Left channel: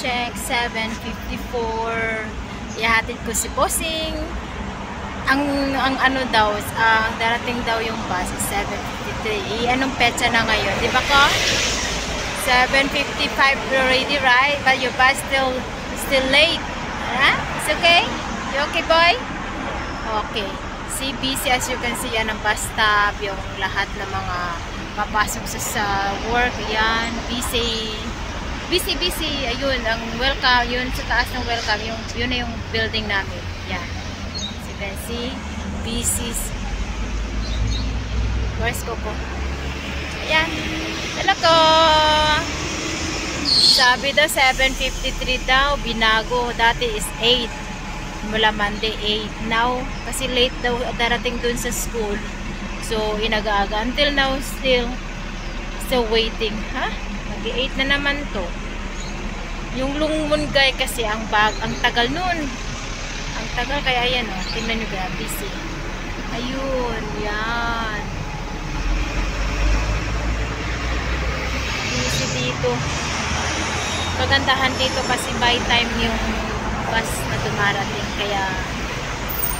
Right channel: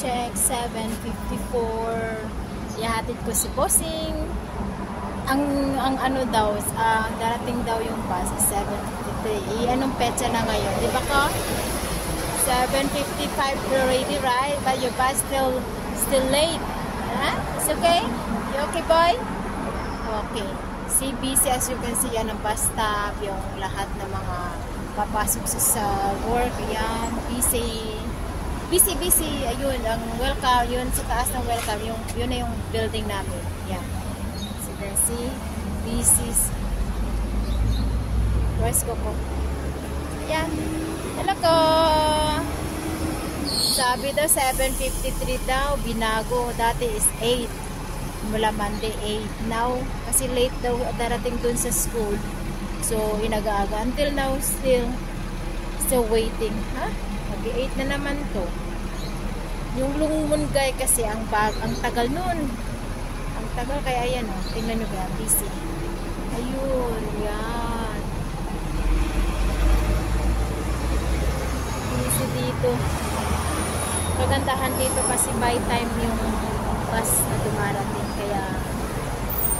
check, 7:54. Ihatid ko si Bossing. Ang ano daw, darating daw yung bus 7:53. Anong petsa na ngayon? Di ba ko? 7:55 already, right? But your bus still late. Huh? It's okay? You okay, boy? Okay. CBC, as you can see, yan ang bus stop. Yung lahat ng mga papasok sa work. Yan. Busy. Ayun, ang welcome. Yun sa taas ng welcome. Yun na yung building namin. Yan. As you can see, busy. Where's Coco? Yan. Ano ko? Sabi daw 7:53 daw, binago. Dati is 8. Mula Monday 8. Now, kasi late daw darating dun sa school. So, inag-aga. Until now, still waiting. Ha? Mag-8 na naman to. Yung Lungmungay kasi, ang tagal nun. Ang tagal, kaya yan o. Tingnan nyo ba, busy. Ayun, yan. Busy dito. Kagandahan dito kasi by time yung bus na dumarating, kaya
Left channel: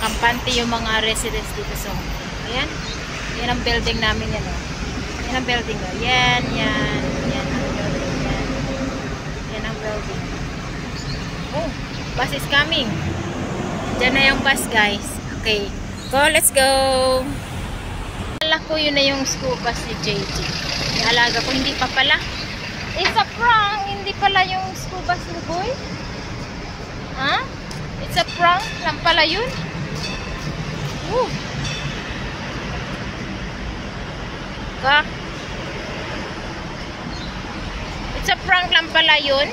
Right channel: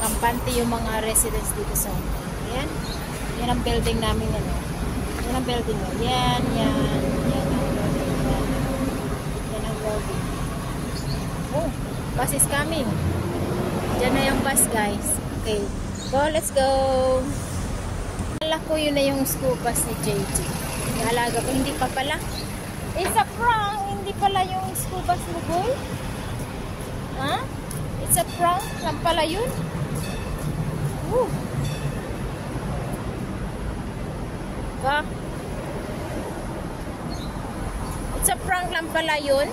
kampante yung mga residents dito. So, ayan. Yan ang building namin yan. Yan ang building. Yan ang building. Yan ang building. Oh, bus is coming. Diyan na yung bus, guys. Okay. Go, let's go. Alala ko yun na yung school bus ni JJ. Alaga ko, hindi pa pala. It's a prank. Hindi pala yung school bus ni Boy. Ha? It's a prank lang pala yun. Woo. Ka? It's a prank lang pala yun.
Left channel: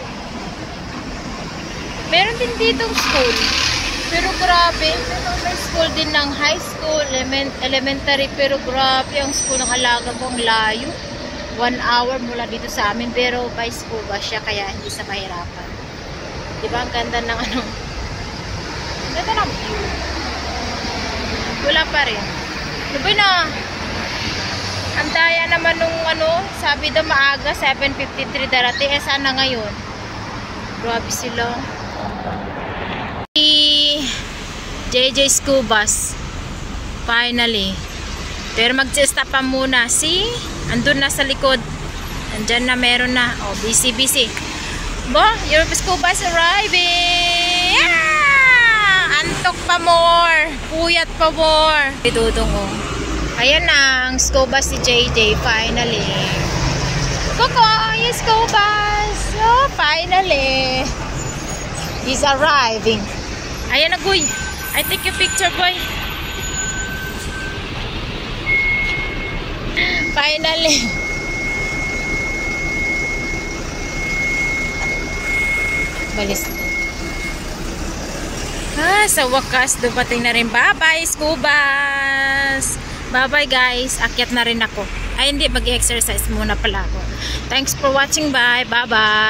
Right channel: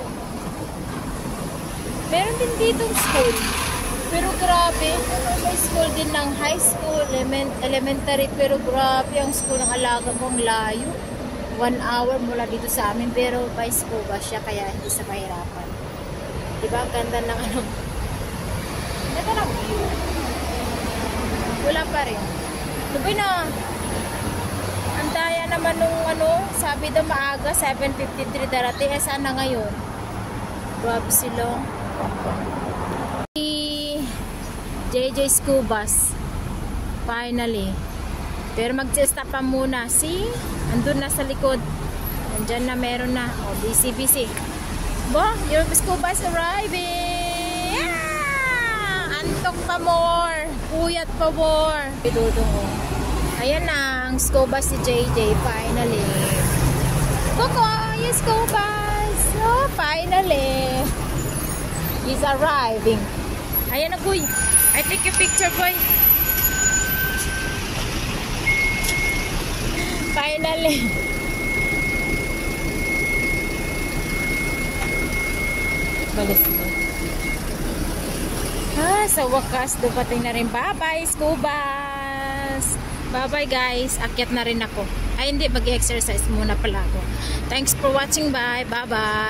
Meron din ditong school. Pero grabe. May school din ng high school, elementary. Pero grabe ang school ng alaga kong layo. 1 hour mula dito sa amin, pero by school ba siya, kaya hindi sa mahirapan. Diba ang ganda ng ano? Ang ganda ng view. Wala pa rin. Diba na? Ang daya naman nung ano, sabi daw maaga, 7:53 darating. Eh sana ngayon? Grabe sila. JJ school bus. Finally. Pero mag-stop pa muna. See? Andun na sa likod. Andyan na, meron na. Oh, busy. Bo, your school bus arriving! Yeah! Antok pa more. Puyat pa more. Idudong ko. Ayan na, ang school bus si JJ. Finally. Coco, yung school bus. Oh, finally. He's arriving. Ayan na, boy. I take your picture, boy. Finally. Malis na. Sa wakas, dumating na rin. Bye-bye, school bus. Bye-bye, guys. Akyat na rin ako. Ay, hindi. Mag-exercise muna pala ako. Thanks for watching. Bye. Bye-bye.